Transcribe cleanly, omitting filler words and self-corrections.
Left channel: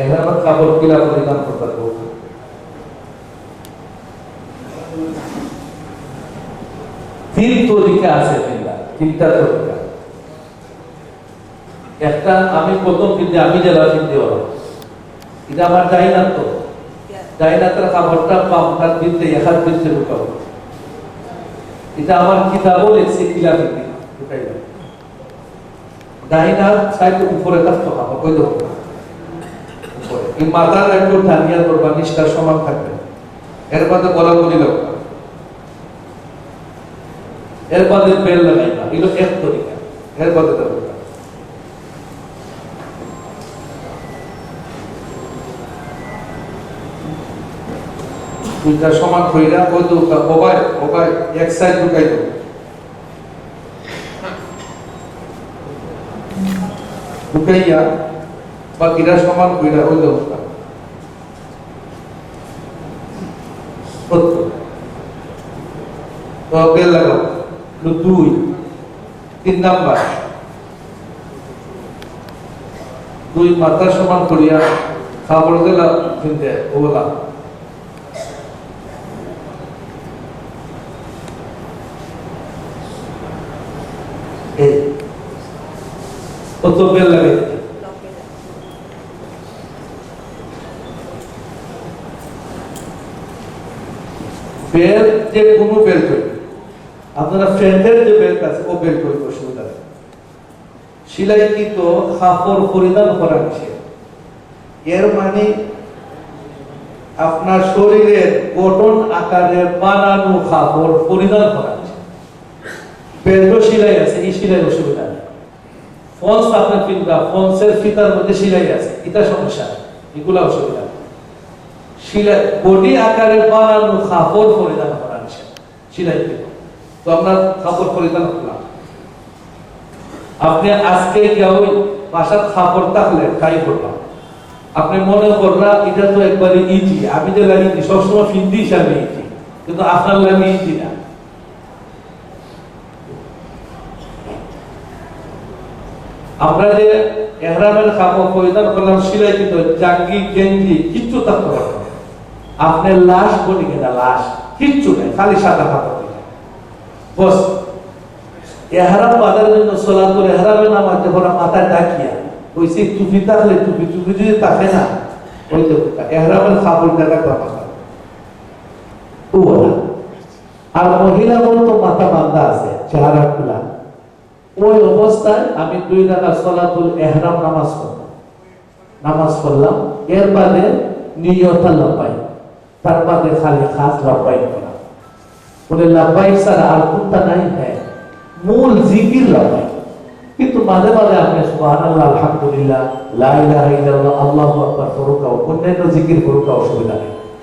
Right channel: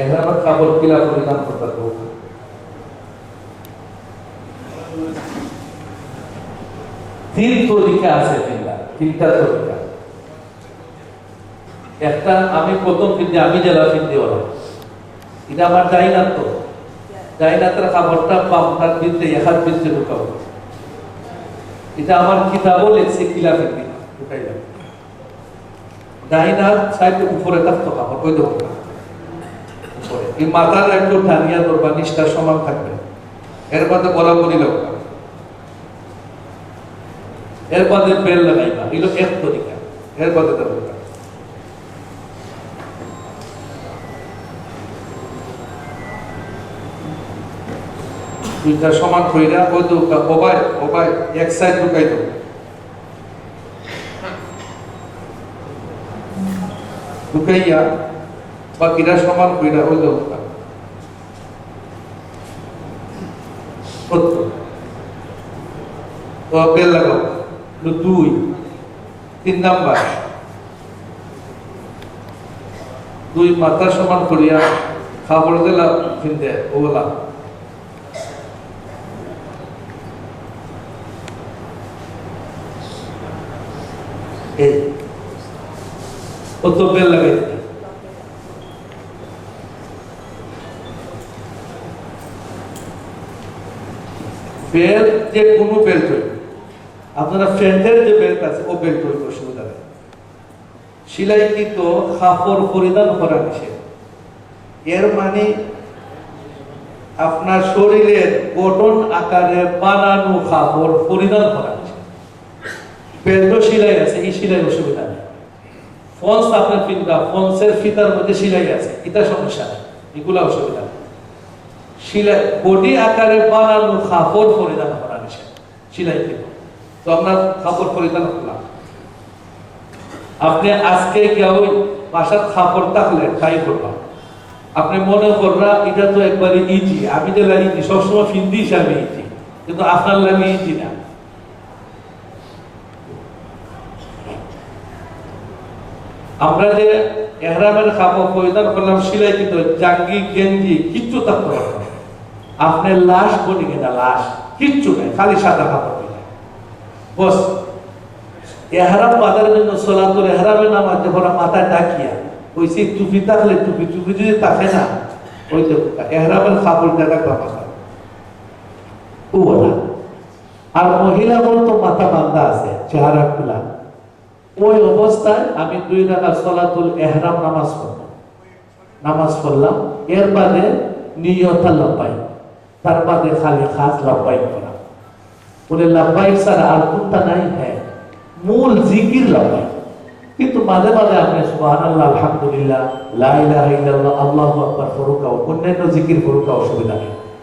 এহরামের কাপড় কিলা পরিধান করতে হবে। তিন তরিকা আছে, তিনটা তরিকা। একটা আমি প্রথম কিন্তু আমি জেলা ফিরতে হলো, এটা আমার ডাইনাত, তো ডাইনাতের কাপড়টা পামটার বিদ্যে একাত বিদ্যে ঢুকাবো। এটা আমার কিতাবও লেখছে কিলা ফিরতে ঢুকাইলাম। ডাইনাত সাইড উপরে থাকতো কাপড়, ওই দেখো উপরে এই মাথার একটু ঢালিয়া ধরবা, নিষ্ঠার সমান থাকবে। এর মধ্যে বলা বলি লোক, এর মধ্যে বেল লাগাইবা, এগুলো এক তরিকা। এর মধ্যে দেবো দুইটা সমান কইরা ওই দুটা ওবাই ওবাই এক সাইড ঢুকাই দেব। ঢুকাইয়া বাকিটা সমান কইরা ওই দেব। তো বেল লাগাও দুই। তিন নাম্বার, দুই মাথা সমান করিয়া খাবার দিলা কিনতে ওলা কত বেল লাগাই দিতে। বেল যে কোনো বেল তৈরি, আপনারা ফ্রেন্ডের যে বেল্ট আছে ও বেল্ট তৈরি অসুবিধা নেই। সিলাইকৃত কাপড় পরিধান করা নিষেধ। এর মানে আপনার শরীরের গঠন আকারে বানানো কাপড় পরিধান করা নিষেধ। বেল্ট সিলাই আছে, এই সিলাই অসুবিধা নেই। ফলস আপনার ফিতা, ফলসের ফিতার মধ্যে সিলাই আছে, এটা সমস্যা নেই, এগুলা অসুবিধা নেই। সিলাই বডি আকারে বানানো কাপড় পরিধান করা নিষেধ সিলাইকৃত। তো আপনার কাপড় পরিধান করলাম, আপনি আজকে কেউ বাসার কাপড় থাকলে তাই করলাম, আপনি মনে করলাম এটা তো একবারে ইজি, আমি যে ইজি সবসময় ফিন্দি হিসাবে ইজি, কিন্তু আপনার লাগে ইজি না। আমরা যে এহরামের কাপড় পরিধান করলাম সিলাইকৃত, জাঙ্গি গেঞ্জি কিচ্ছু থাকতে পারবো না। আপনি লাশ বলি কিনা লাশ কিচ্ছু নেই, খালি সাদা কাপড় বস। এহরাম বাঁধার জন্য সলাতুল এহরামে নামাজ যখন মাথা ডাকিয়া ওইসে টুপি থাকলে টুপি, টুপি যদি থাকে না ওই যে এহরামের কাপড়টা রাখবা মাথা ও বলা। আর মহিলা তো মাথা বাঁধা আছে, চেহারা খোলা, ওই অবস্থায় আমি 2 রাকাত সলাতুল এহরাম নামাজ পড়লাম। এর বাদে নিয়ত লাব্বাইক, তার বাদে খালি খাস লাব্বাইক করা। বলে লাব্বাইক ছাড়া আর কোনটা নাই? হ্যাঁ, মূল জিকির লাব্বাইক। কিন্তু মাঝে মাঝে আপনি সুবহানাল্লাহ, আলহামদুলিল্লাহ, লা ইলাহা ইল্লাল্লাহ, আল্লাহু আকবার ফরুকা, অন্যান্য জিকির ফরুকা, অসুবিধা নেই।